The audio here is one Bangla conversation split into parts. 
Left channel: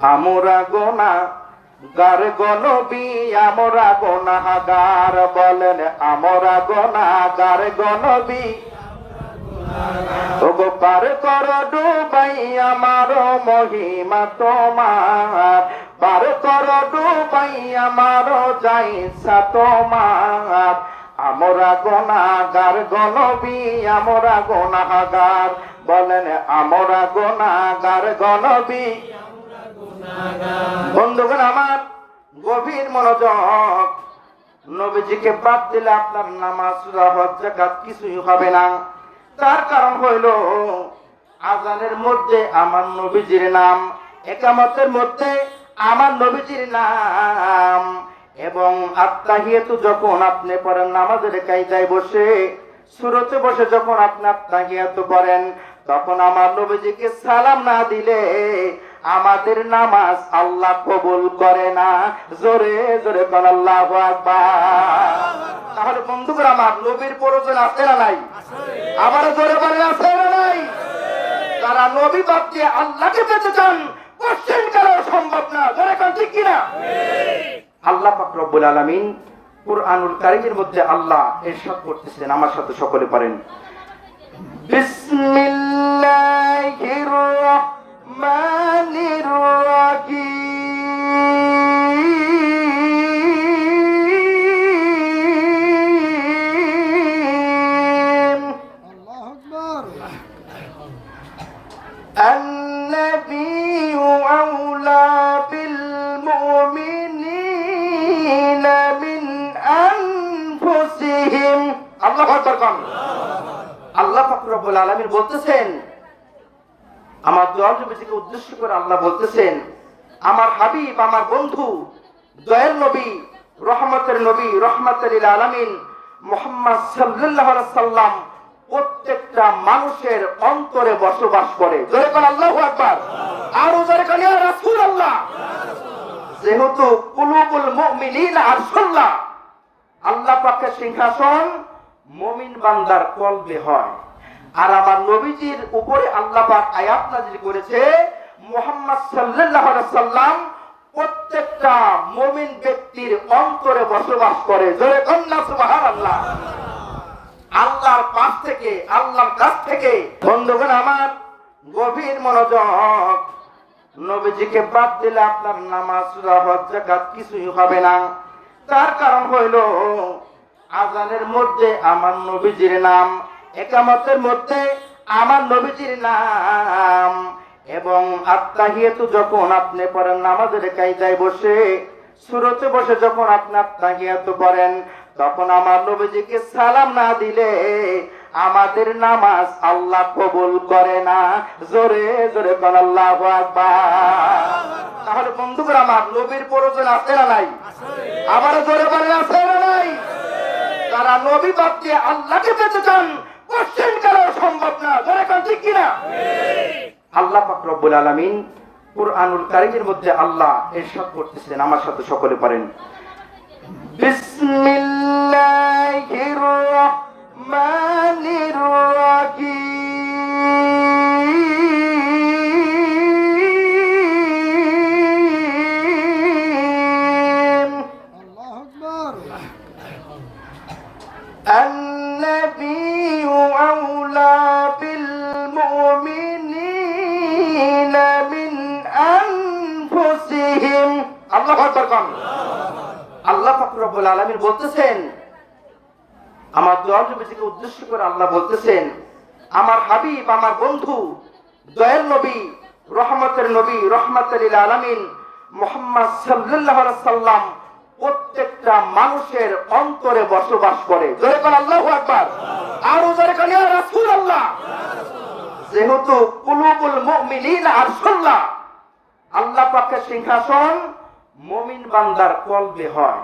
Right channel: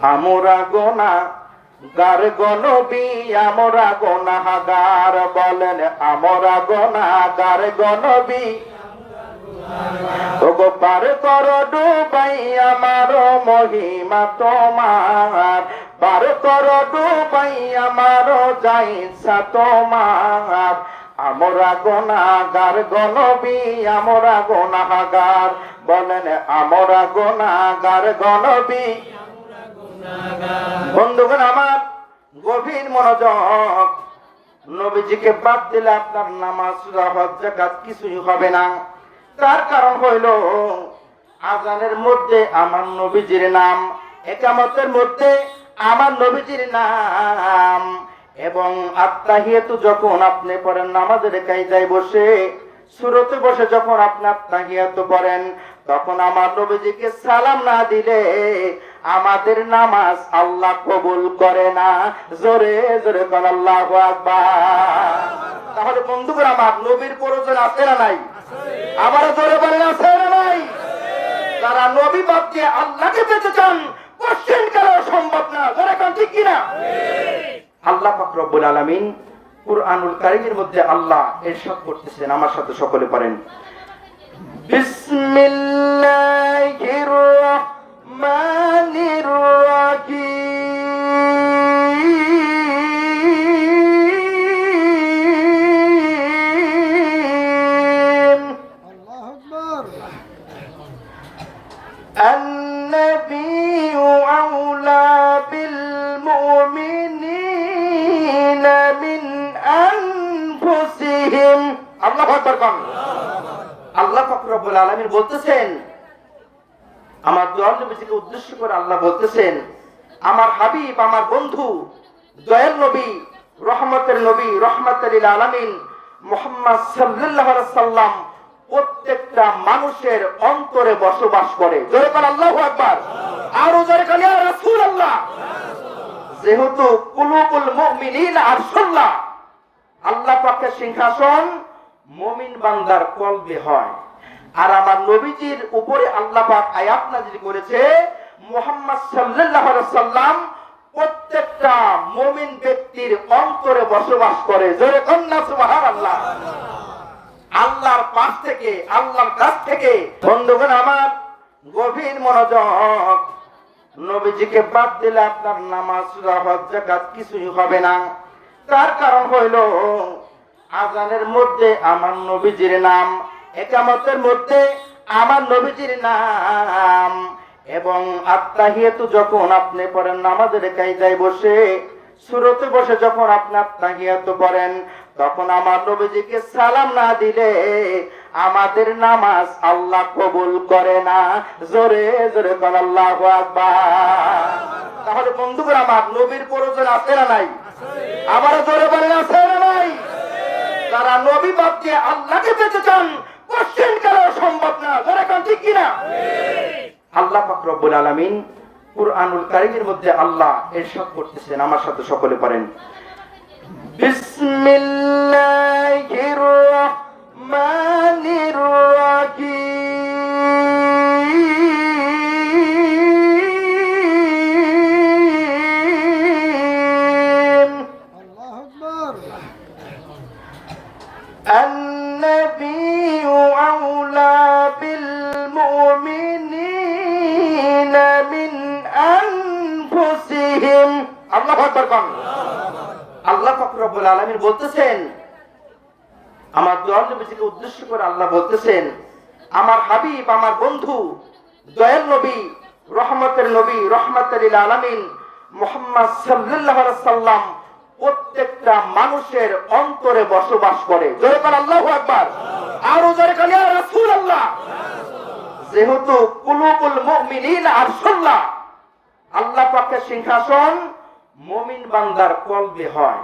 আমরা গোনা, গার গনবি, আমরা গোনাগার বলেন, আমরা গোনাগার গনবি। ওগো কর ডুবাই আমার মহিমা তোমার, পার কর ডুবাই আমার যাইসা তোমার। আমরা গোনাগার গনবি, আমরা গোনাগার বলেন, আমরা গোনাগার গনবি। বন্ধুগণ, আমার গভীর মনোযোগ নবীজিকে বাদ দিলে আপনার নামাজ জাকাত কিছুই হবে না। তার কারণ হইল, আজানের মধ্যে আমার নবীজির নাম, একামতের মধ্যে আমার নবীজির নাম, এবং আত্মাহিয়াতু যখন আপনি পড়েন, নামাজের কায়দায় বসে, সুরতে বসে যখন আপনি আত্মাহিয়াতু পড়েন তখন আমার নবীজিকে সালাম না দিলে আমাদের নামাজ আল্লাহ কবুল করে না। জোরে জোরে আল্লাহ তাহলে বন্ধুরা আমার নবীর প্রয়োজন আছে না নাই? আবার জোরে বলে আছে না নাই? যারা নবী বাদ আল্লাহকে পেতে চান, কোশ্চেন করা সম্ভব না। জোরে কান, ঠিক কিনা? আল্লাহ পাক রব্বুল আলামিন কুরআনুল কারীমের মধ্যে আল্লাহ ইরশাদ করতেছেন। আমার সাথে সকলে পারেন। বিসমিল্লাহির রহমানির আলমিন মোহাম্মদ আলাইহি সাল্লাম প্রত্যেকটা মানুষের অন্তরে বসবাস করে। আল্লাহু আকবার। আরও ইয়া রাসূলুল্লাহ। যেহেতু আরশুল্লাহ আল্লাহ সিংহাসন মুমিন বান্দার কলবে হয়। আর আমার নবীজির উপরে আল্লাহ পাক আয়াত নাযিল করেছে, মুহাম্মদ সাল্লাল্লাহু সাল্লাম প্রত্যেকটা মুমিন ব্যক্তির অন্তরে বসবাস করে। জোরে সুবহানাল্লাহ। আল্লাহর পাশ থেকে, আল্লাহর কাছ থেকে। বন্ধুগণ আমার গভীর মনোযোগ। নবীজিকে বাদ দিলে আপনার নামাজ জাকাত কিছুই হবে না। তার কারণ হইল, আজানের মধ্যে আমার নবীজির নাম, একামতের মধ্যে আমার নবীজির নাম। এবং আত্মাহিয়াতু যখন আপনি পড়েন নামাজের কায়দায় বসে, সুরতে বসে যখন আপনি আত্মাহিয়াতু পড়েন, তখন আমার নবীজিকে সালাম না দিলে আমাদের নামাজ আল্লাহ কবুল করে না। জোরে জোরে বল আল্লাহ তাহলে বন্ধুরা আমার নবীর প্রয়োজন আছে না নাই? আবার জোরে বলে আছে না নাই? যারা নবী দিয়ে আল্লাহকে পেতে চান, কোশ্চেন করা সম্ভব না। জোরে কান, ঠিক কিনা? আল্লাহ পাক আলমিন কুরআনুল কারিমের মধ্যে আল্লাহ ইরশাদ করতেছেন। আমার সাথে সকলে পারেন। বিসমিল্লাহির রহমানির আল্লাহ আকবার কম আল্লাহ ফাকরুল আলমীর বলতেছেন, আমার দয়াল নবীজিকে উদ্দেশ্য করে আল্লাহ বলতেছেন, আমার হাবিব, আমার বন্ধু, দয়াল নবী, রহমতের নবী রহমতুল আলমিন মোহাম্মদ আলাইহি সাল্লাম প্রত্যেকটা মানুষের অন্তরে বসবাস করে। আল্লাহু আকবার। আরও জোরে কোন ইয়া রাসূলুল্লাহ। যেহেতু কুলুবুল মুমিনিন আরশুল্লাহ আল্লাহ পাকের সিংহাসন মুমিন বান্দার কলবে হয়।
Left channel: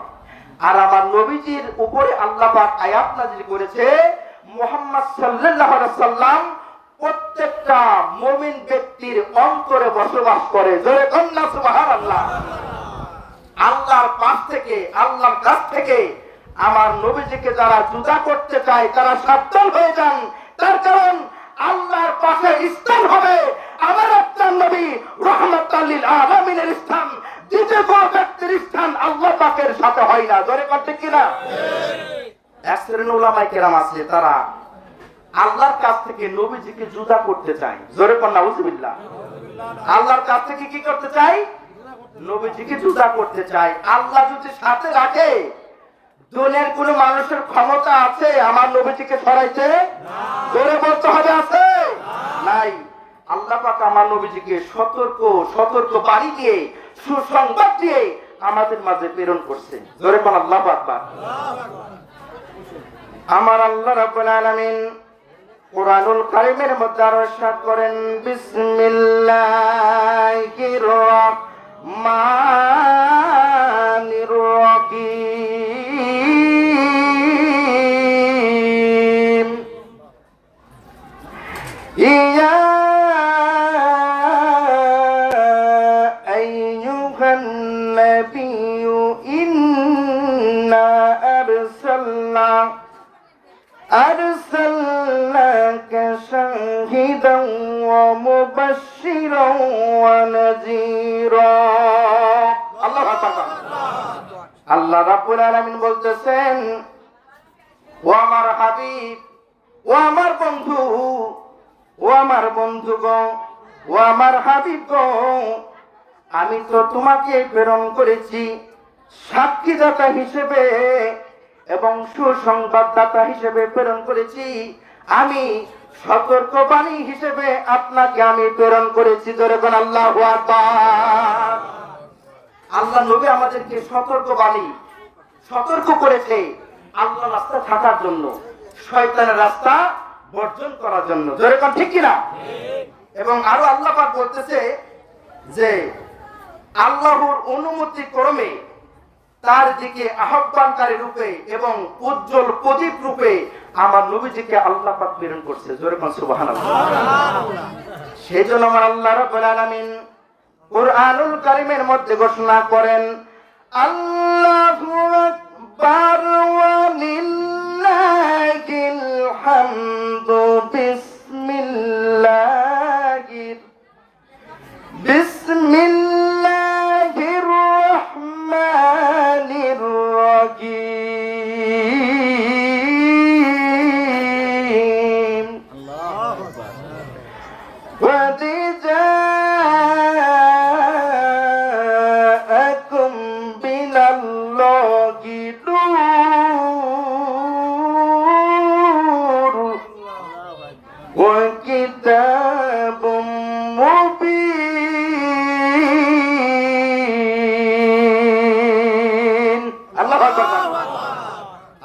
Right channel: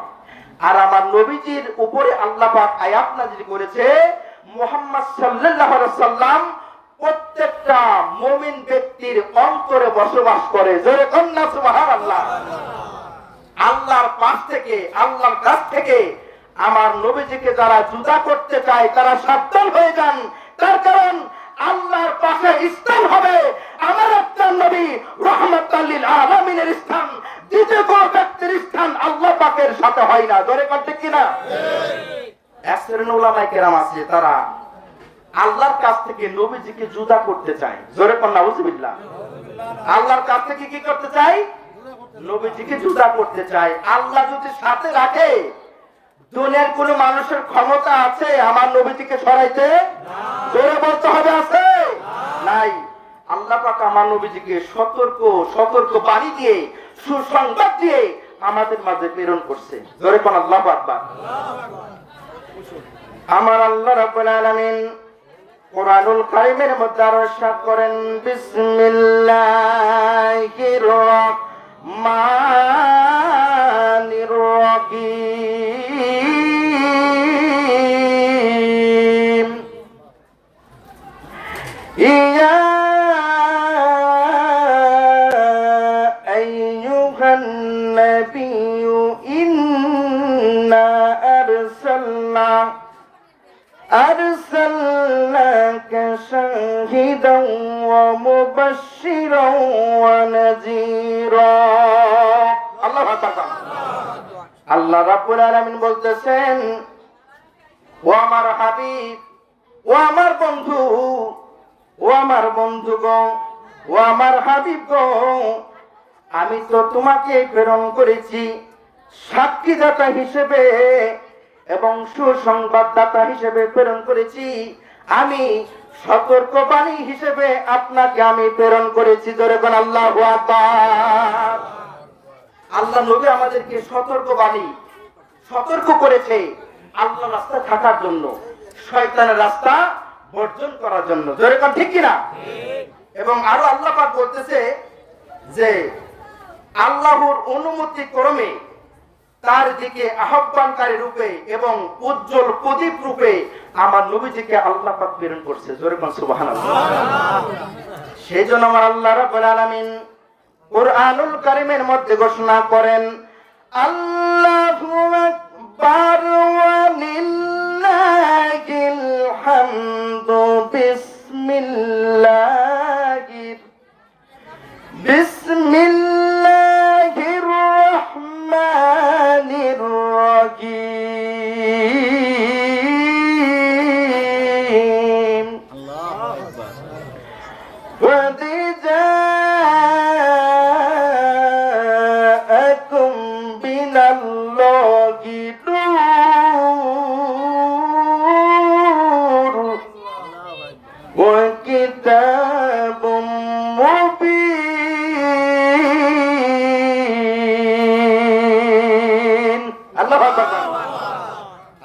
আর আমার নবীজির উপরে আল্লাহ পাক আয়াত নাযিল করেছে, মুহাম্মদ আলাইহি সাল্লাম প্রত্যেকটা মুমিন ব্যক্তির অন্তরে বসবাস করে। জোরে কন্যা সুবহানাল্লাহ। আল্লাহর পাশ থেকে, আল্লাহর কাছ থেকে আমার নবীজিকে যারা জুদা করতে চায়, তারা সাবধান হয়ে যান। তার কারণ আল্লাহর পাশে স্থান হবে। আমার আপনার নবী রহমত আল্লিল আলমিনের নবীজির স্থান আল্লাহ পাকের সাথে হয় না? জোরে কিনা আছে, তারা আল্লাহর কাছ থেকে নবীজিকে জুদা করতে জোরে আল্লাহর কাছ থেকে কি করতে চাই নবীজিকে জুদা করতে চাই আল্লাহ যদি সাথে রাখে, দুনিয়ার কোন মানুষের ক্ষমতা আছে আমার নবীজিকে সরাইতে? জোরে বলতে হবে আছে? নাই। আল্লাহ পাক আমার নবীজিকে সতর্ক সতর্ক বাণী দিয়ে সুসংবাদ দিয়ে আমাদের মাঝে প্রেরণ করছে। ধরে কোন আল্লাহ আকবার। আমার আল্লাহ রাব্বুল আলামিন কোরআনুল কারিমের মধ্যে আরও সাত করেন, বিসমিল্লাহির রহমানির أرسلناك شاهدا ومبشرا ونذيرا الله أكبر আল্লাহ রাব্বুল আলামিন বলতেছেন ও আমার হাবিব ও আমার বন্ধু ও আমার বন্ধু গো ও আমার হাবিব গো আমি তো তোমাকে প্রেরণ করেছি সাক্ষীদাতা হিসেবে এবং সুসংবাদদাতা হিসেবে প্রেরণ করেছি আমি সতর্ক বাণী হিসেবে আপনাকে আমি প্রেরণ করেছি ধরে কোন আল্লাহ আল্লাহ নবী আমাদেরকে সতর্ক বাণী সতর্ক করেছে আল্লাহ রাস্তা থাকার জন্য, শয়তানের রাস্তা বর্জন করার জন্য। ধরে কোন ঠিক কিনা? এবং আরও আল্লাহ বলতেছে যে, আল্লাহর অনুমতি ক্রমে তার দিকে আহ্বানকারী রূপে এবং উজ্জ্বল প্রদীপ রূপে আমার নবীজিকে আল্লাহ পাক প্রেরণ করছে। জোরে কোন সুবহানাল্লাহ। সেই জন্য আমার আল্লাহ রাব্বুল আলামিন কোরআনুল কারীমের মধ্যে ঘোষণা করেন, আল্লাহু আকবার ওয়া লিল্লাহিল হামদু বিসমিল্লাহির, বিস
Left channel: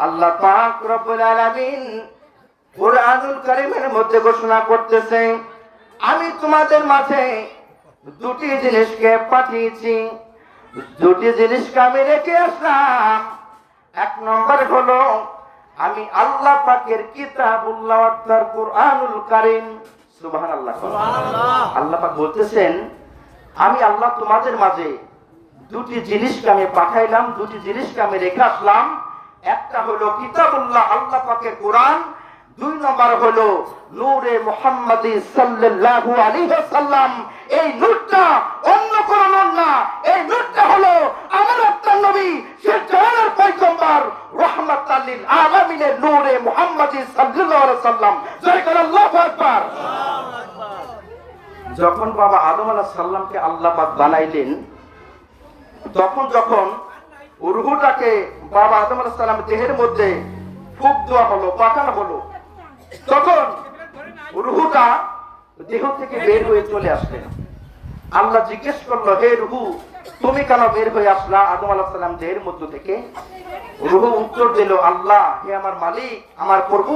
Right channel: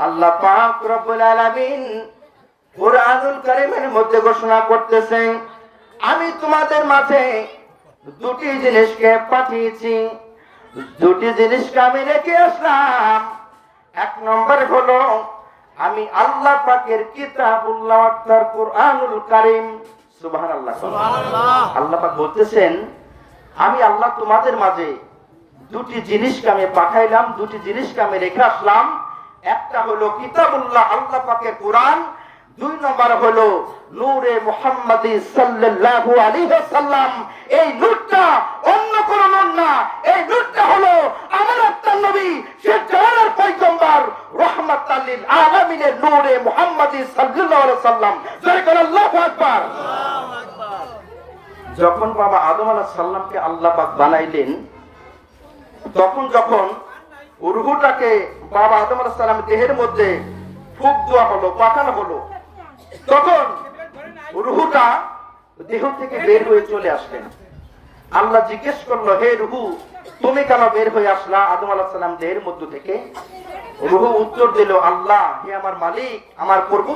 আল্লাহ পাক রব্বুল আলামিন কুরআনুল কারীমের মধ্যে ঘোষণা করতেছে আমি তোমাদের মাঝে দুটি জিনিসকে পাঠিয়েছি। দুটি জিনিসকে আমি রেখে আসলাম। এক নম্বর হলো আমি আল্লাহ পাকের কিতাবুল্লাহ অর্থাৎ কুরআনুল কারীম সুবহানাল্লাহ। আল্লাহ পাক বলতেছেন আমি আল্লাহ তোমাদের মাঝে দুটি জিনিসকে আমি পাঠাইলাম দুটি জিনিসকে আমি রেখে আসলাম। একটা হলো কিতাবুল্লাহ আল্লাহ পাকের কোরআন। দুই নম্বর হলো নূরে মুহাম্মাদি সাল্লাল্লাহু আলাইহি ওয়াসাল্লাম। এই নূরটা অন্য কোন নূর না এই নূরটা হলো আমার আপনার নবী সে জাহানের পয়গম্বর। রাহমাতাল লিল আলামিনের নূরে মুহাম্মাদি সাল্লাল্লাহু আলাইহি ওয়াসাল্লাম। জয় করে আল্লাহু আকবার। যখন বাবা আদম আলাহ সাল্লামকে আল্লাহ পাক বানাইলেন তখন যখন রুহুটাকে বাবা আদম আলাহ সাল্লাম দেহের মধ্যে ফুক দেওয়া হলো পাঠানো হলো, তখন রুহুটা দেহ থেকে বের হয়ে চলে আসলেন। আল্লাহ জিজ্ঞেস করল, হে রুহু, তুমি কেন বের হয়ে আসলা? আদম আলাহ সাল্লাম দেহের মধ্য থেকে রুহু উত্তর দিল, আল্লাহ, হে আমার মালিক, আমার প্রভু।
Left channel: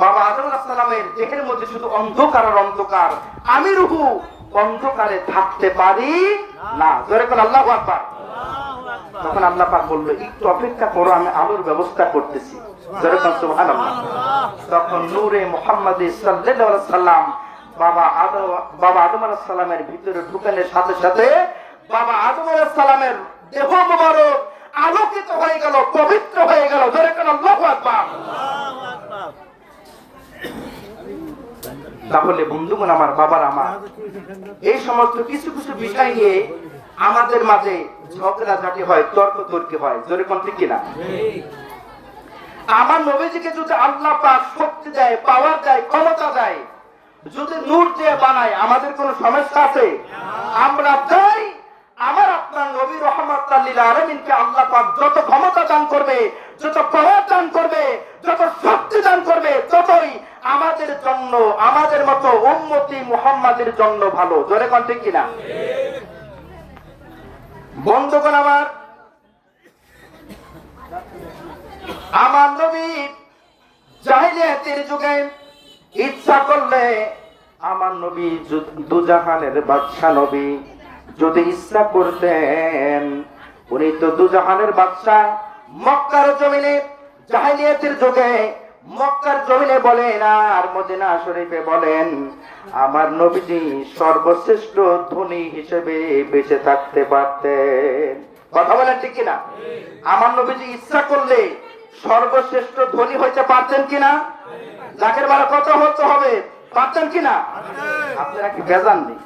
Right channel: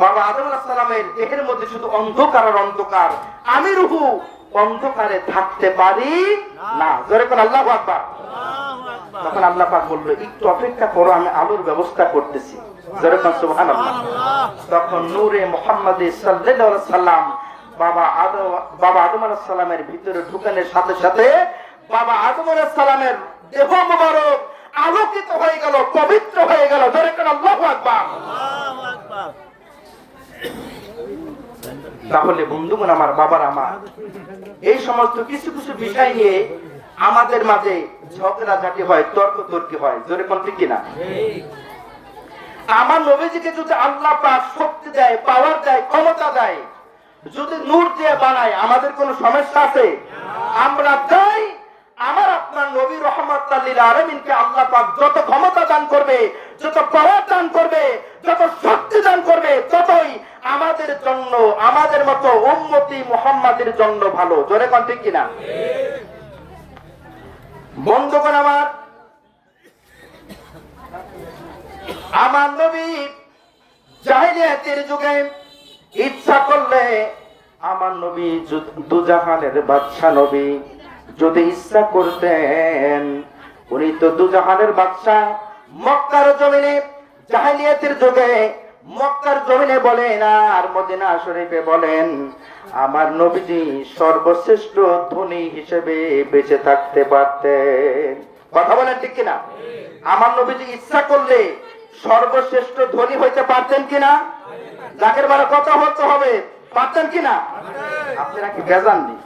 বাবা আদম আলাহ সাল্লামের দেহের মধ্যে শুধু অন্ধকার আর অন্ধকার। আমি রুহু অন্ধকারে থাকতে পারি না। জোরে করে তখন আল্লাহ পাক বলল, একটু অপেক্ষা করো, আমি আলোর ব্যবস্থা করতেছি। জোরে করে তখন নূরে মোহাম্মদ সাল্লাম বাবা আদম বাবা আদম আলাইহিস সালামের ভিতরে ঢুকানোর সাথে সাথে বাবা আদম আলাইহিস সালামের দেহ মোবারক আলোকিত হয়ে গেল, পবিত্র হয়ে গেল। জোরে করে আল্লাহু আকবার। তাহলে বন্ধুগণ আমার বাবার আমার এই সমস্ত কিছু কিছু বিষয় নিয়ে আমাদের মাঝে ঝগড়াঝাটি হয়, তর্ক তর্কি হয়। জোরে কোন ঠিক কিনা? আমার নবীজিকে যদি আল্লাহ পাক শক্তি দেয় পাওয়ার দেয়, ক্ষমতা দেয়, যদি নূর দিয়ে বানায়, আমাদের কোনো সমস্যা আছে? আমরা চাই আমার আমাদের জন্য, আমাদের মতো উন্নতি মোহাম্মদের জন্য ভালো। জোরে কোন ঠিক কিনা? বন্ধুগণ আমার আমার নবী ইচ্ছা করলে আমার নবী দুজাহানের বাদশা নবী যদি ইচ্ছা করতেন, উনি তো দুজাহানের বাদশা মক্কার জমিনে, জাহিলিয়াতের যুগে মক্কার জমিনে বলেন, আর মদিনা শরীফে বলেন, আমার নবীজি সর্বশ্রেষ্ঠ ধনী হিসেবে বেঁচে থাকতে পারতেন। কথা বলেন ঠিক কিনা? আমার নবীজি ইচ্ছা করলে সর্বশ্রেষ্ঠ ধনী হইতে পারতেন কিনা? জাকের বারে কথা হতে হবে, পারতেন কিনা? আপনারা কি বেজাননি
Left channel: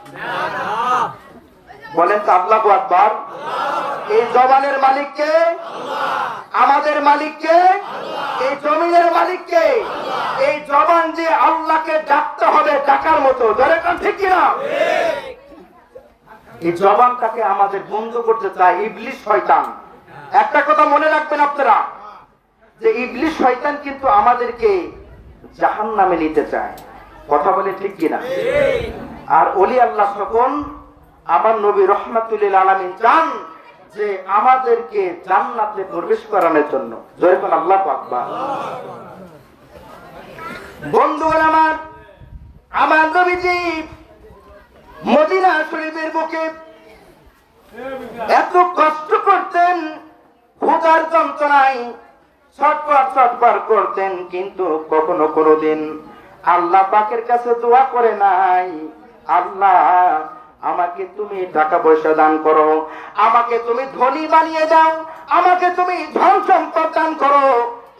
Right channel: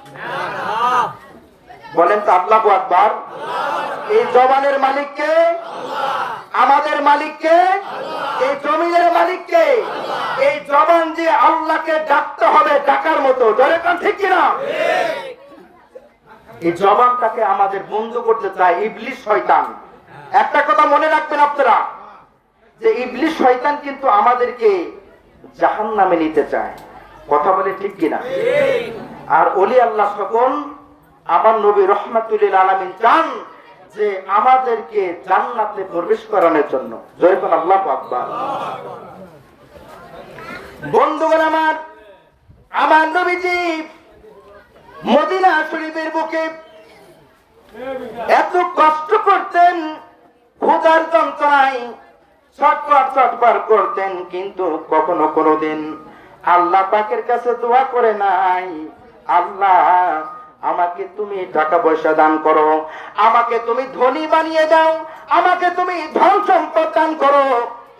বলেন তো আল্লাহ আকবার এই জবানের মালিককে আমাদের মালিককে এই জমিনের মালিককে এই জবান যে আল্লাহকে ডাকতে হবে ডাকার মতো ধরে কান ঠিক কিনা? এই জবানটাকে আমাদের বন্ধ করতে চায় ইবলিশ শয়তান। একটা কথা মনে রাখবেন আপনারা যে ইবলিশ শয়তান কিন্তু আমাদেরকে জাহান নামে নিতে চায়। কথা বলে ঠিক কিনা? আর অলি আল্লাহ সকল আমার নবী রহমাতুল্লিল আলমিন চান যে আমাদেরকে জান্নাতে প্রবেশ করানোর জন্য। জয়কুল আল্লাহ আকবার। বন্ধুগণ আমার আমার নবীজি মদিনা শরীফের বুকে এত কষ্ট করতেন, ক্ষুধার যন্ত্রণায় ছটপট ছটপট করতেন, কিন্তু কখনো কোনোদিন আল্লাহ পাকের কাছে দোয়া করে নাই। আল্লাহ আমাকে তুমি টাকা পয়সা দান করো, আমাকে তুমি ধনী বানিয়ে দাও, আমাকে তুমি ধন সম্পদ দান করো।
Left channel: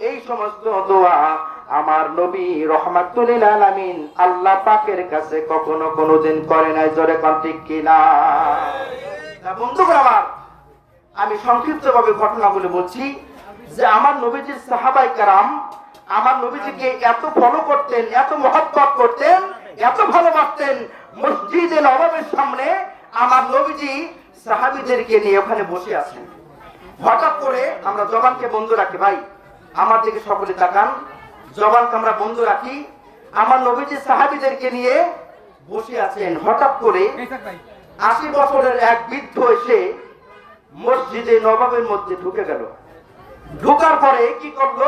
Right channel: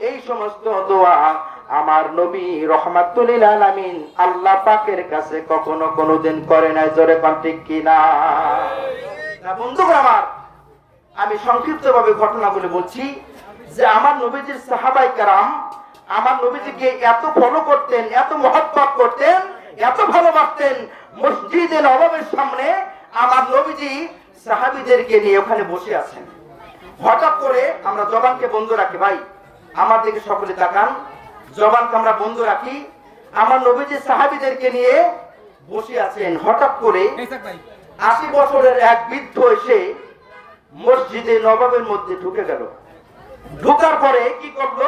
এই সমস্ত দোয়া আমার নবী রহমাতুল্লিল আলামিন আল্লাহ পাকের কাছে কখনো কোনোদিন করে নাই, জোরে কন ঠিক কিনা তা বন্ধুগণ আমার, আমি সংক্ষিপ্ত ভাবে ঘটনাগুলি বলছি যে আমার নবীজির সাহাবাই কারাম, আমার নবীজিকে এত ফলো করতেন, এত মহব্বত করতেন এত ভালোবাসতেন মসজিদে নবাবের সামনে আমার নবীজি সাহাবিদেরকে নিয়ে ওখানে বসে আছেন। হঠাৎ করে আমরা জবানকে বন্ধ রাখি ভাই। আমার দিকে সকলে তাকান। জবানকে আমরা বন্ধ রাখি। আমার নবীজি সাহাবিদেরকে নিয়ে বসে আছেন। হঠাৎ করে আশি বছরের এক বৃদ্ধ এসে মসজিদে নবাবের মধ্যে ঢুকে গেল। ঢোকার পরে কি করল?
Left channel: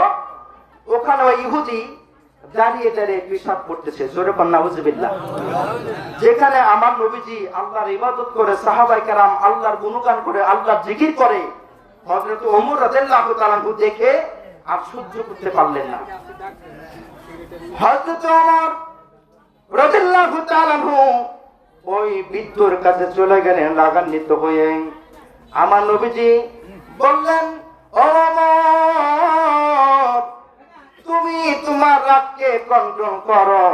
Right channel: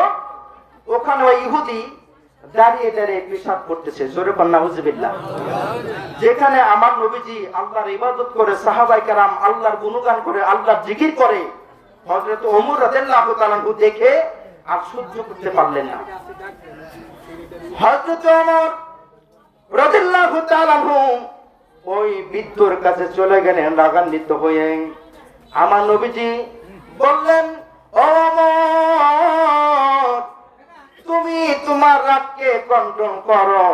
ওখানে ইহুদি দাঁড়িয়ে দাঁড়িয়ে পেশাব করতেছে জোরে কন্যা হুজবিল্লাহ যেখানে আমার নবীজি আল্লাহর ইবাদত করে সাহাবাই কারাম আল্লাহর গুণগান করে আল্লাহর জিকির করে হযরত ওমর রাদিয়াল্লাহু তাআলা দেখে আর সহ্য করতে পারলেন না। হযরত ওমর রাদিয়াল্লাহু তাআলা ওই বৃদ্ধর কাছে চলে গেলেন রাগান্বিত হয়ে। আমার নবীজি বললেন "ও ওমর, তুমি তোমার রাগকে কন্ট্রোল করো।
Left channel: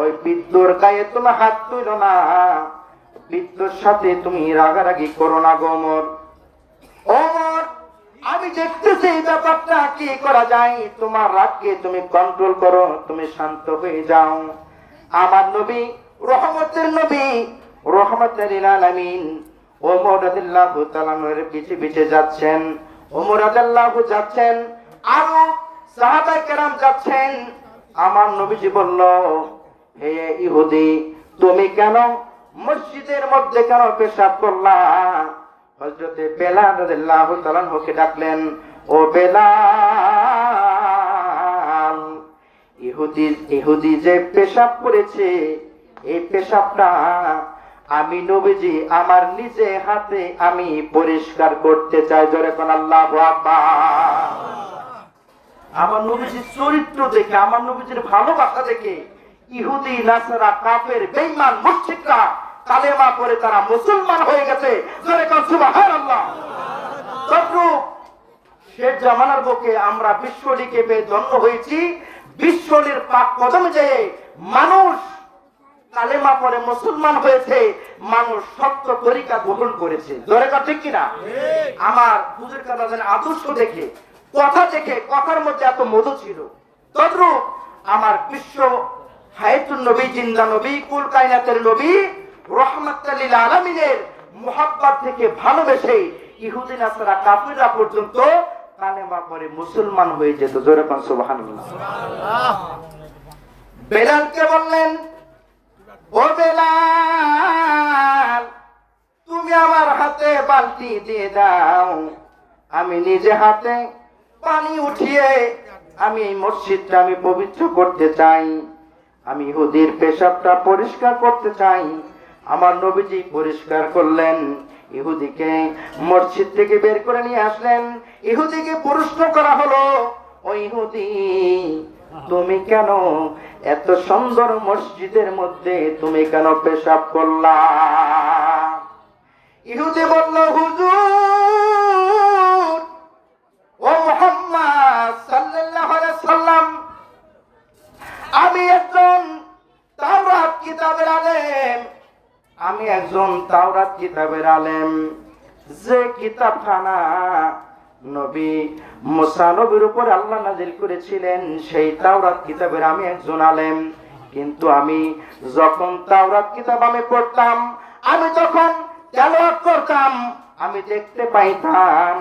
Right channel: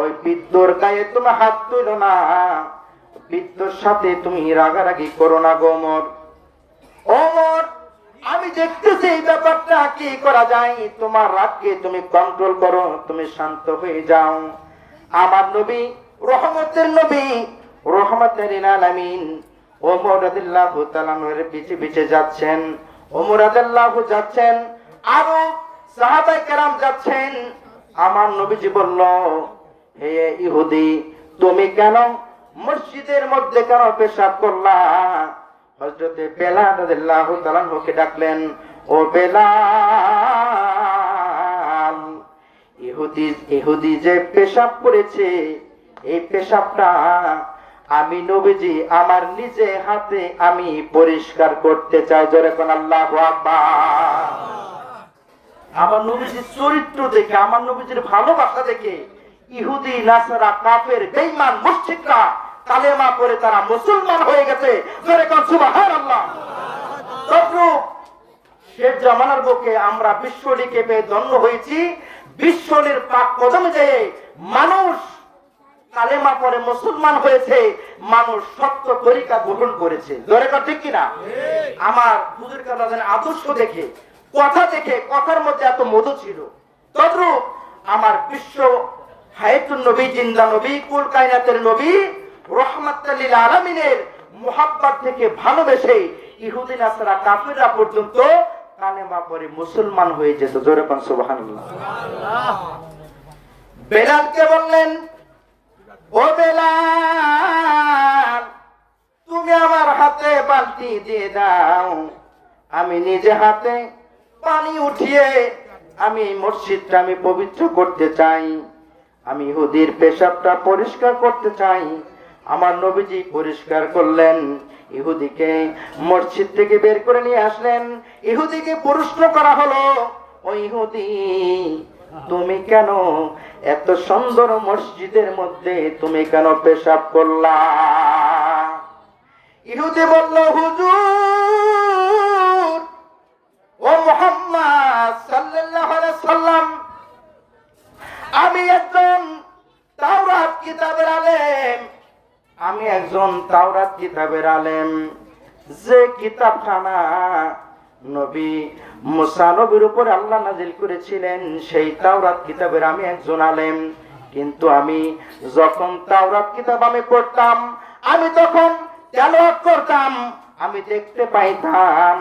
ওই বৃদ্ধর গায়ে তুমি হাত তুল না। বৃদ্ধর সাথে তুমি রাগারাগি করো না গোমর ওমর আমি দেখতেছি এই ব্যাপারটা কি করা যায়? তোমার রাগকে তুমি কন্ট্রোল করো, তুমি শান্ত হয়ে যাও। আমার নবী, রহমতের নবী, রহমতের আলামিন ওমর রাদিয়াল্লাহু তাআলার পিছে পিছে যাচ্ছেন। ওমর রাদিয়াল্লাহু যাচ্ছেন। আরও সাহাবায়ে কেরাম যাচ্ছেন, আমার নবীজি বলল, হে ইহুদি, তুমি কেন মসজিদের মধ্যে কেন পেশাব করলা? হযরতে বেলাল রাদিয়াল্লাহু ডাকলেন, ও বেলাল, ইহুদি ইহুদি যে পেশাব করেছে, এই পেশাবটা আমি নবীজি আমার নিজে হাতে আমি পরিষ্কার করতে চাই। জোরে কোন আল্লাহ আমার নবীজির চরিত্র দেখে আমার নবীজির ভালোবাসা দেখে ইহুদি নাসারা কাফের বেঈমান মুশরিকরা কালেমা করে তারা মুসলমান হয়ে গেছে। সে জামানার বুকে আমরা বিশ্বটিকে পেয়ে ধন্য হয়েছি। বিশ্বলির পাক কদমে যেয়ে মানুষ কালেমা পরে মুসলমান হয়েছে মানুষ সত্য তরিকা গ্রহণ করেছে। ধরে কথা ঠিক কিনা? আমার হুজুর কালাদের আদর্শ দেখে কথা দেখে, কথার মধ্যে এত মধু ছিল। তদ্রূপ আমার বিশ্ব হায়াতুন নবী, জিন্দা নবী, কুল কায়নাতের নবী রহমাতুল্লিল আলামিনের মোহাব্বত থেকে ভালোবেসে ইহুদি নাসারা, কাফিররা পর্যন্ত কালেমা পরে মুসলমান হয়ে যেত। জোরে পান সুবহানাল্লাহ। বেলালকে বললেন, ও বেলাল, তুমি আমার হাতে বালতি দিয়ে দাও। আমি নিজে হাতে পানি উঠিয়ে আমি মসজিদটা আমি পবিত্র করতে চাই। আমি হুদির পেশাবটা পরিষ্কার করতে চাই। আমার নবীজি পরিষ্কার করলেন, ইহুদিকে মসজিদ থেকে বের করে নিয়ে আসলেন। ইহুদিকে প্রশ্ন করা হলো, ও ইহুদি, তুমি কেন এত সুন্দর মসজিদের মধ্যে তুমি কেন পেশাব করলা? ইহুদি বলল, হুজুর ও মোহাম্মদ সাল্লাম আমি একজন তাওরাত কিতাবের আলেম। আমি একজন তাওরাত কিতাবের আলেম। যে কিতাবখানা নবী মুসা নবীর উপর আল্লাহ নাজিল করেছিলেন, সেই তাওরাত কিতাবের আমি একজন আলেম। কিন্তু আমি যখন তাওরাত কিতাব আমি পড়তাম, আমি তখন তেলাওয়াত করতাম, আমি দেখতে পাইতাম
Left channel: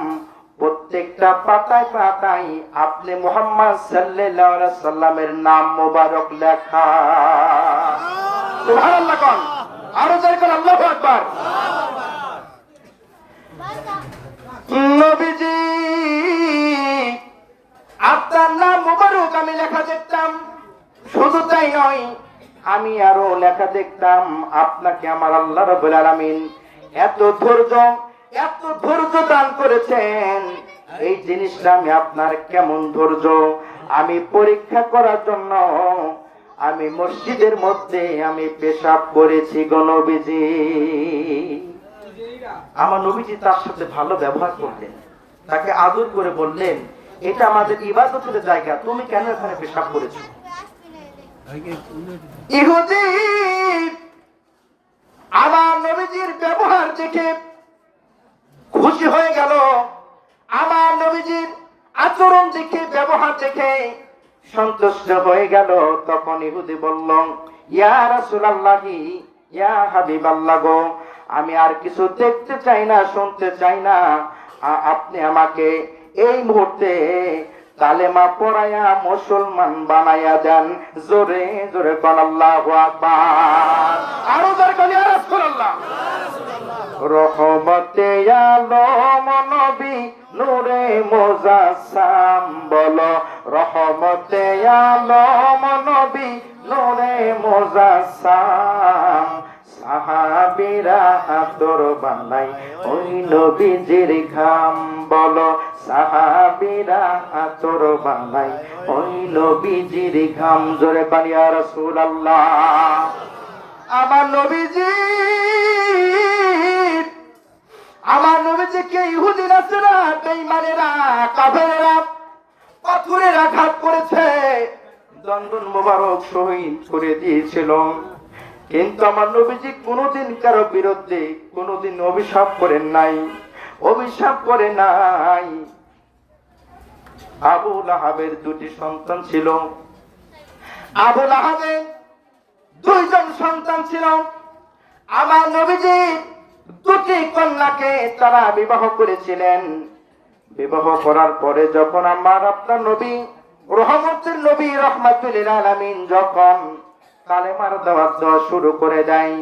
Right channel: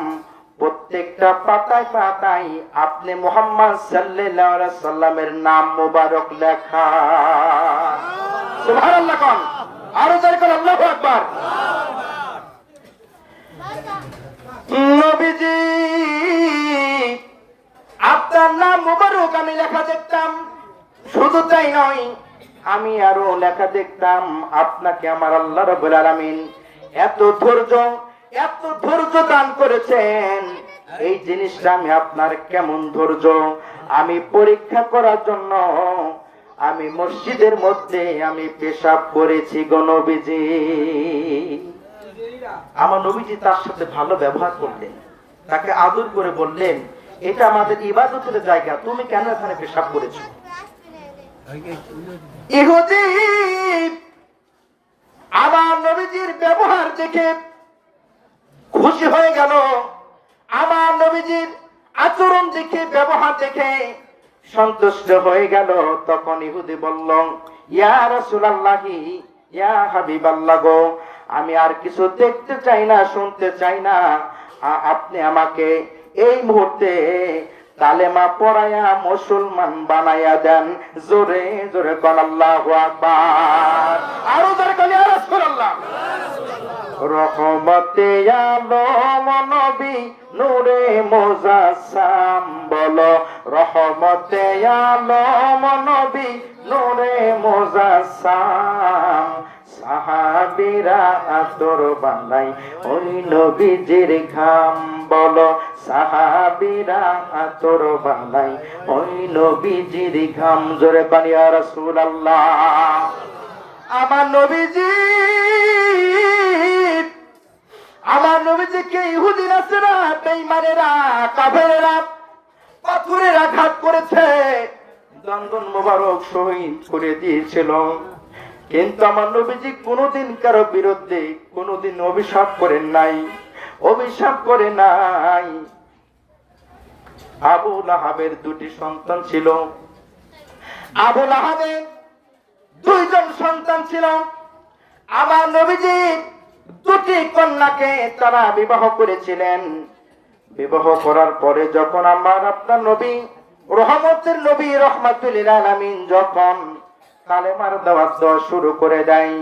প্রত্যেকটা পাতায় পাতায় আপনি মোহাম্মদ সাল্লামের নাম মোবারক লেখা। আরও জোরে করে আকবার। নবীজি, আপনার নাম মোবারক আমি লেখা দেখতাম। শুধু তাই নয়, আমি আরও লেখা দেখতাম, আপনাকে আমার আল্লাহ রবুল আলামিন এত ধৈর্য এত ধৈর্য দান করেছেন। এই জিনিসটা আমি আপনার কেমন ধৈর্য? আমি পরীক্ষা করার জন্য আমি মসজিদের মধ্যে আমি পেশাব করেছি গণবিজি আমার নবীজি তার সাথে ভালো ব্যবহার করলেন তাকে আদর করে বললেন, এটা আমাদের ইবাদতের জায়গা, তুমি কেন এখানে পেশাব করেছ? ইহুদি, আমার নবীজির ব্যবহার দেখে খুশি হয়ে গেল। আমার নবীজির আচরণ দেখে, ব্যবহার দেখে সন্তুষ্ট হয়ে গেল। তখন ইহুদি বলল, ইয়া রাসূলুল্লাহি, ইয়া হাবিবাল্লাহ গো, আমি আর কিছু দেখতে চাই না, শুনতে চাই না। আপনি আমাকে এই মুহূর্তে কালেমা পড়ায়া মুসলমান বানায়া দেন। জোরে জোরে আকবার। আরও জোরে কোন ইয়া রহমতে আলম নবী নূরে মোজাসাম বলো, রহমতে আলম নবী নূরে মোজাসাম সাহাবিরা আতর বানাই ওই নবীজির ঘাম বলো, সাহাবিরা আতর বানাই ওই নবীজির ঘাম। জোরে বানিয়া রাসূল আল্লাহ আমার নবীজি আমার নবীজিকে ইহুদির আছে না? বেঈমানেরা, কাফেরেরা পাথরের আঘাত করেছে। দন্দন মোবারক শহীদ করে দিয়েছিল। কিন্তু আমার নবীজি কোনোদিন কারও বিরুদ্ধে কোনোদিন অভিশাপ করেন নাই, অভিশাপ করে নাই। আবু লাহাবের দুটি সন্তান ছিল। আবু লাহাবের দুইজন সন্তান ছিল। আমার নবীজি দুটি কন্যাকে তারা বিবাহ করেছিলেন। বিবাহ করার পরে যখন আমার আপনার নবী রহমতের নবী রহমাতুল আলামিন যখন কালেমার দাওয়াত শুরু করে দেয়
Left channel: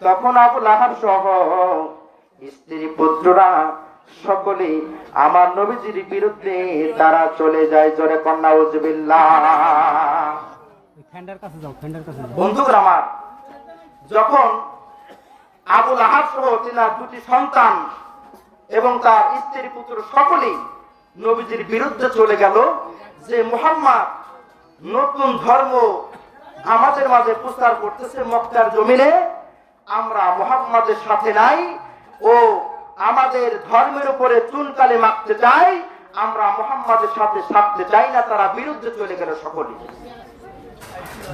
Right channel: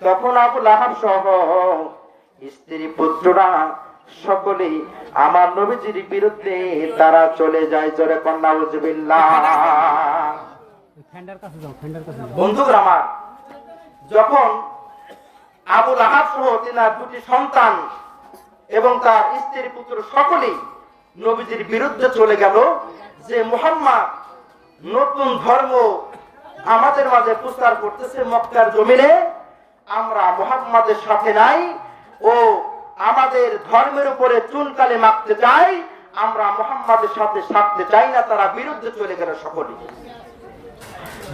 তখন আবু লাহাব সহ স্ত্রী পুত্ররা সকলে আমার নবীজির বিরুদ্ধে তারা চলে যায় জোরে কন্যা উজবিল্লাহ। বন্ধুরা আমার যখন আবুল আহাদ সহ তিনার দুটি সন্তান এবং তার স্ত্রী পুত্র সকলেই নবীজির বিরুদ্ধে চলে গেল যে মোহাম্মদ নতুন ধর্ম আমাদের মাঝে প্রচার করতেছে মক্কার জমিনে। আমরা মোহাম্মদের সাথে নাই ও আমাদের ধর্মের উপরে চুনকালে মাখতে চাই, আমরা মোহাম্মদের সাথে সাথতে চাই না, তারা বিরুদ্ধে চলে গেল সকলেই।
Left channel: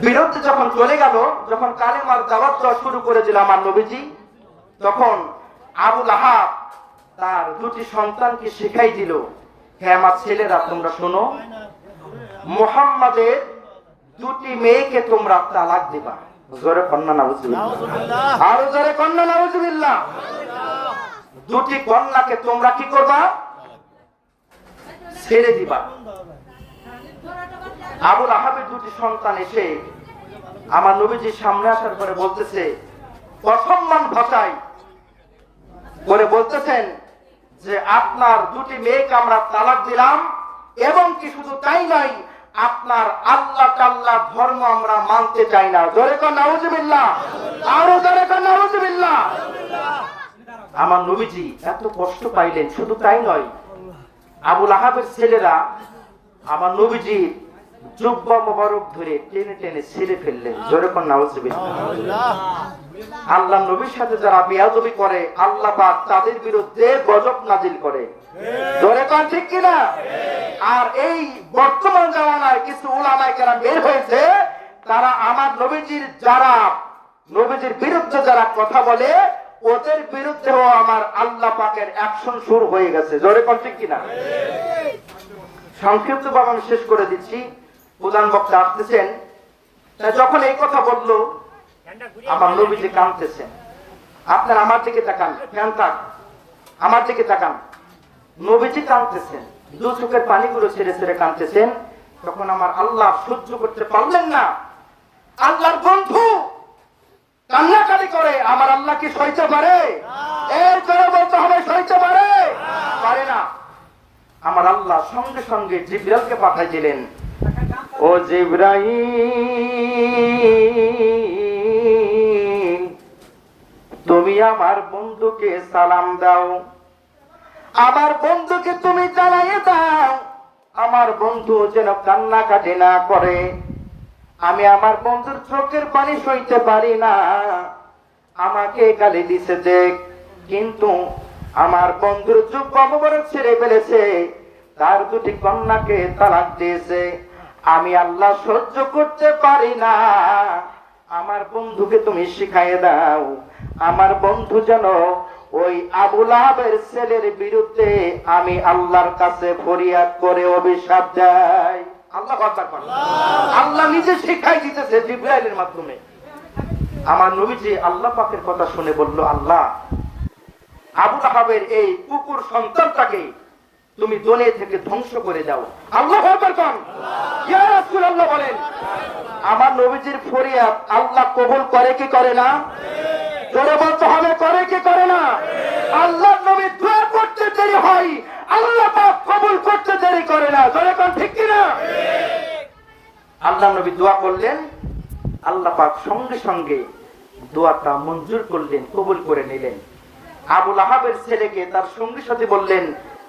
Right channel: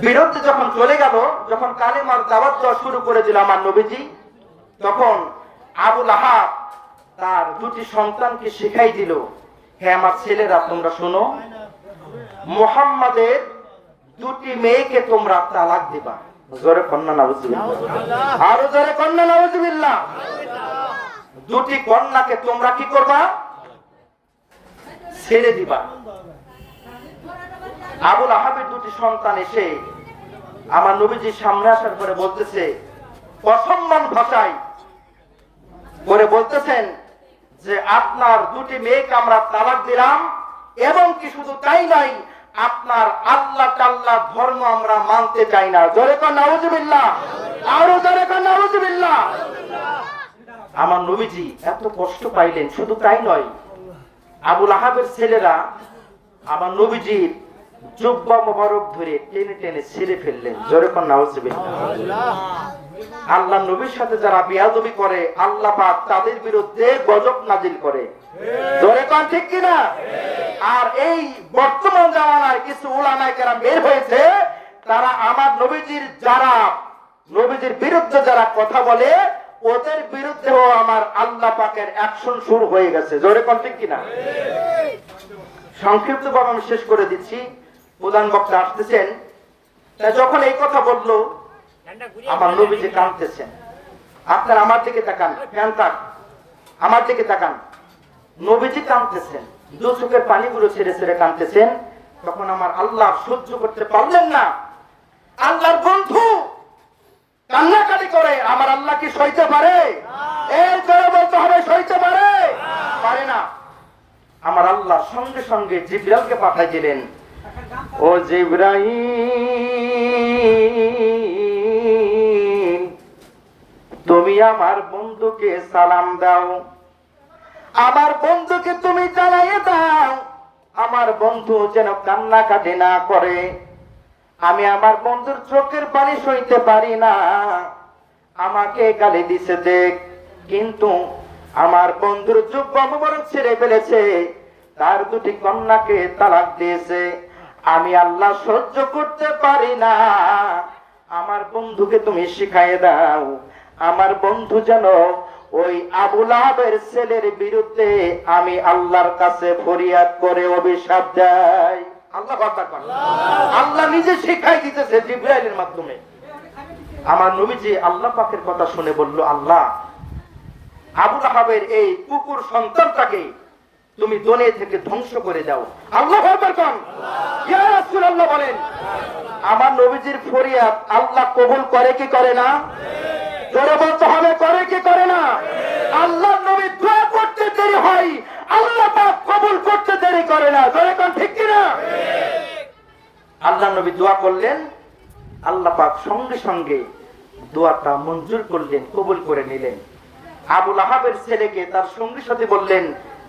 বিরুদ্ধে যখন চলে গেল, যখন কালেমার দাওয়াত দেওয়া শুরু করেছিল আমার নবীজি তখন আবুল আহাব তার দুটি সন্তানকে শিখাই দিল হ্যাঁ আমার ছেলেরা, তোমরা শোনো, মোহাম্মদের দুটি মেয়েকে তোমরা তালাক দিবা। কন্যা, নাউজুবিল্লাহ। দুটি কন্যাকে তোমরা কি করবা? ছেড়ে দিবা। আবুল আহাবের দুটি সন্তান এসে আমার নবীজির সামনে আসার পরে বলতেছে, অসম্মান ভাষায় করে বলতেছেন যে আপনার দুটি মেয়েকে আমরা তালাক দিলাম এবং কি শুধু তাই নয়, আপনার আল্লাহ টাল্লাহ ধর্ম আমরা মানতে চাই না। জোরে আমার নবীজি এত কষ্ট পাইলেন, শুধু তাই নয়, আবুল আহাবের ছেলেরা, আমার নবীজির জুব্বা মোবারক ধরে টেনে টেনে ফেললেন। আল্লাহ নবীর সাথে যারা বিয়াদবি করে, আল্লাহ পাক তাদের বিরুদ্ধে গজব নাজিল করে। ঠিক কিনা? আর এই বর্তমান কিছু বের হয়েছে, তারা আমার নবীজির যারা, নবীজির বিরুদ্ধে যারা কথা বলে, ওদের বিরুদ্ধেও আমার আল্লাহ পাকের অ্যাকশন শুরু হয়ে গেছে। জোরে ঠিক কিনা? সংক্ষিপ্ত ভাবে আমি শেষ করে দিচ্ছি। প্রধান বক্তা আসতেছেন যখন এই কথা বলল, আমার নবীজি কাঁদতেছেন। আপনি আমার দিকে তাকান, ফ্যান তাক, আমার দিকে তাকান। নবীজি কাঁদতেছেন, দু চোখের পানিগুলো ছেড়ে ছেড়ে কাঁদতেছেন। তখন আমার আল্লাহ সহ্য করতে পারলেন না। আল্লাহর বন্ধু কান্নাকাটি করে, আমার আল্লাহ কি সইতে পারে? এর করে বলতে হবে, সইতে পারে? পারে না। আমার আল্লাহ সঙ্গে সঙ্গে জিব্রাইলকে পাঠাইছিলেন। ও জিব্রাহিম তুমি আমার বন্ধুকে সালাম দাও। আমার বন্ধুকে তুমি জানাই দাও। আমার বন্ধু যেন কান্নাকাটি না করে। আমি আমার বন্ধুর চোখের পানি সইতে পারি না। আমাকে গালি দিছে দেখ, কিন্তু আমার বন্ধুর চোখ অববরত ছেড়ে ফেলেছে। তার দুটি কন্যাকে তালাক দিয়েছে। আমি আল্লাহ সহ্য করতে পারি না। আমার বন্ধুকে তুমি শিখাই দাও। আমার বন্ধু যেন ওই আবুল আহাবের ছেলের বিরুদ্ধে আমি আল্লাহর কাছে ফরিয়াদ করে অভিশাপ দেয়। আল্লাহ কথা আল্লাহ নিজে শিখাই দিতেছে জিব্রাইলের মাধ্যমে। আমার নবীজি আল্লাহ পাকের কথা শুনে বলল, আল্লাহ আবুল আহাবের এই কুকুর সন্তানটাকে তুমি দোনে থেকে ধ্বংস করে দাও। আল্লাহ কন। বলেন, আমার নবীজির ফরিয়াদ আল্লাহ কবুল করে কি করে না? করে কি করে না? আল্লাহ নবী দোয়া করতে দেরি হয়, আল্লাহ কবুল করতে দেরি করে না। কোন, ঠিক কি না আল্লাহ নবী দোয়া করলেন, আল্লাহ পাক সঙ্গে সঙ্গে দোয়াটা মঞ্জুর করলেন, কবুল করে নিলেন। আবুল আহাবের ছেলেকে তার সঙ্গী সাথে বললেন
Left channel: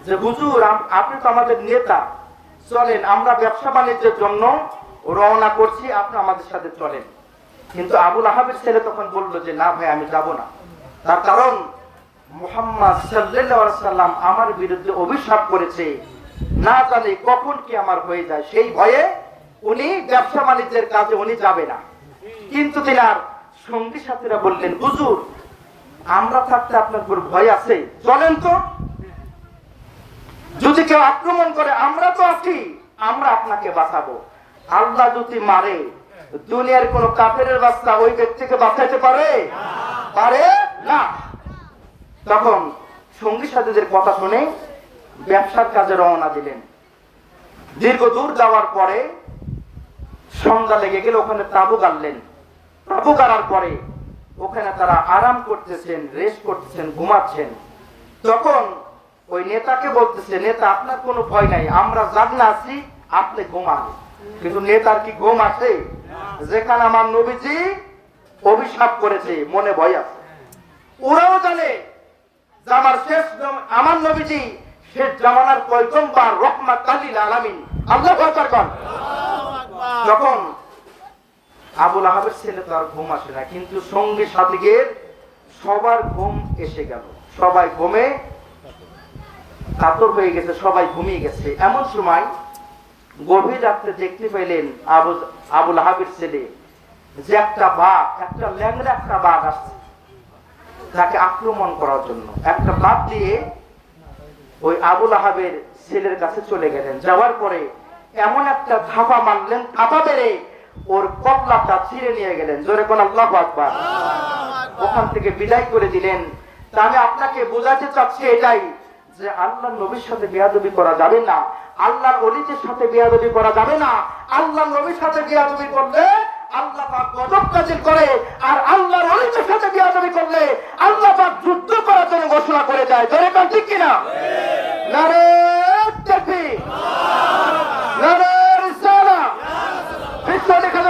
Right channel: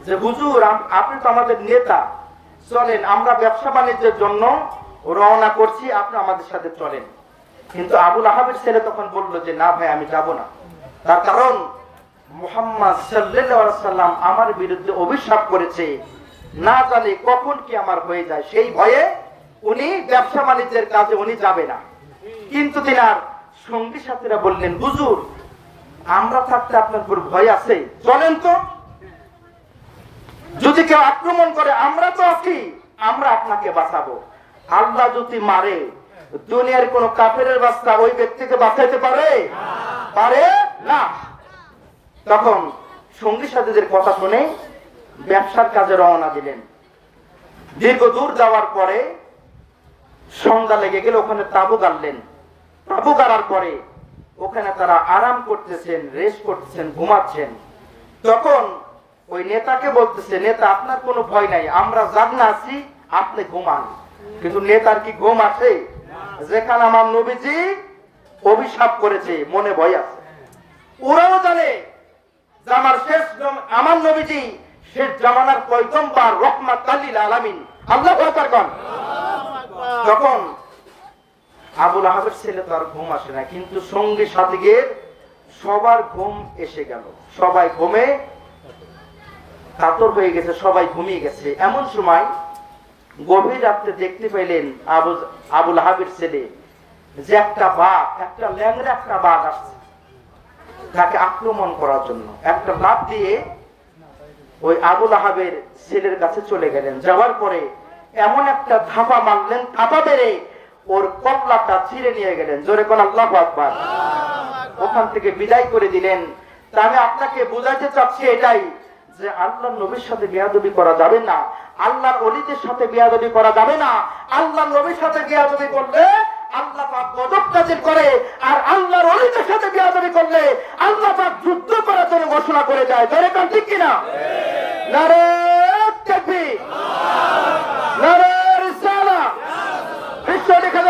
যে, হুজুর আপনি তো আমাদের নেতা। চলেন, আমরা ব্যবসা বাণিজ্যের জন্য রওনা করছি, আপনি আমাদের সাথে চলেন। কিন্তু আবুল আহাবের ছেলে তখন বলল যে, না ভাই, আমি যাব না। তার কারণ, মোহাম্মদ সাল্লাম আমার বিরুদ্ধে অভিশাপ করেছে। না জানি কখন কি আমার হয়ে যায়, সেই ভয়ে উনি ব্যবসা বাণিজ্যের কাজে উনি যাবে না। কিন্তু তিনার সঙ্গী সাথীরা বললেন, হুজুর, আমরা থাকতে আপনার ভয় আছে? চলেন তো। যদি কেউ আক্রমণ করে, আমরা তো আছি, আমরা আপনাকে বাঁচাবো। আল্লাহ যদি মারে, দুনিয়ার কোন কাফের বাচ্চা ওই ব্যক্তিকে বাঁচাইতে পারে? পারে না। তখন সঙ্গী সাথীদের কথা শুনে ব্যবসার কাজে রওনা দিলেন। দীর্ঘ দূর যাওয়ার পরে সন্ধ্যা লেগে গেলে, ওখানে তাবু গাড়লেন। তাবু গাড়ার পরে ওখানে তারা আরাম করতেছেন রেস্ট করতেছেন, ঘুমাচ্ছেন। তখন ওই নেতাকে বলতেছে, নেতা, আপনার কোনো ভয় নাই, আমরা জাগনা আছি, আপনি ঘুমান। কিন্তু নেতার কি ঘুম আসে যেখানে আমার নবীজি অভিশাপ করেছে, মনে ভয় আছে। ওরাও জানে আমার শেষ আমার নবীজি শেষ জামানার পয়গম্বর রহমাত আলিল আলামিন। আল্লাহ আকবার কন। তখন আবুল আহাবের ছেলে তো আর ঘুম আসে না, কিন্তু সঙ্গে সাথীদের সবার ঘুম এসে গেল। সবাই ঘুমে কাতর হয়ে গেছে, সবাই ঘুমিয়ে গেছে। এমন সময় গভীর রাত্রে দেখতে পেলেন আবু আবুল হাবির ছেলে। যে একটা বাঘ, একটা ল্যাংড়া, একটা বাঘ আসছে তাকে আক্রমণ করার জন্য। একটা বাঘ দিয়ে ওই আবুল আহাবের ছেলের কাছে চলে গেলেন। যাওয়ার পরে এমন একটা ধাপা মারলেন থাপা বেড়ে ওর কল্লাটা ছিঁড়ে নিয়ে গেলেন। জোরে কোন আল্লাহ আকবার। ওখান থেকে বিদায় করে দিলেন। তা আমি আপনাকে বোঝাতে চাচ্ছি এটাই যে আল্লাহ নবীর সাথে বেয়াদবি করা যাবে না আল্লাহ অলিদের সাথে বেয়াদবি করা যাবে না আল্লাহ নবীর সাথে বেয়াদবি করলে আল্লাহ ঘোষণা করে ঠিক কিনা? নারে বিশ্ব দেখা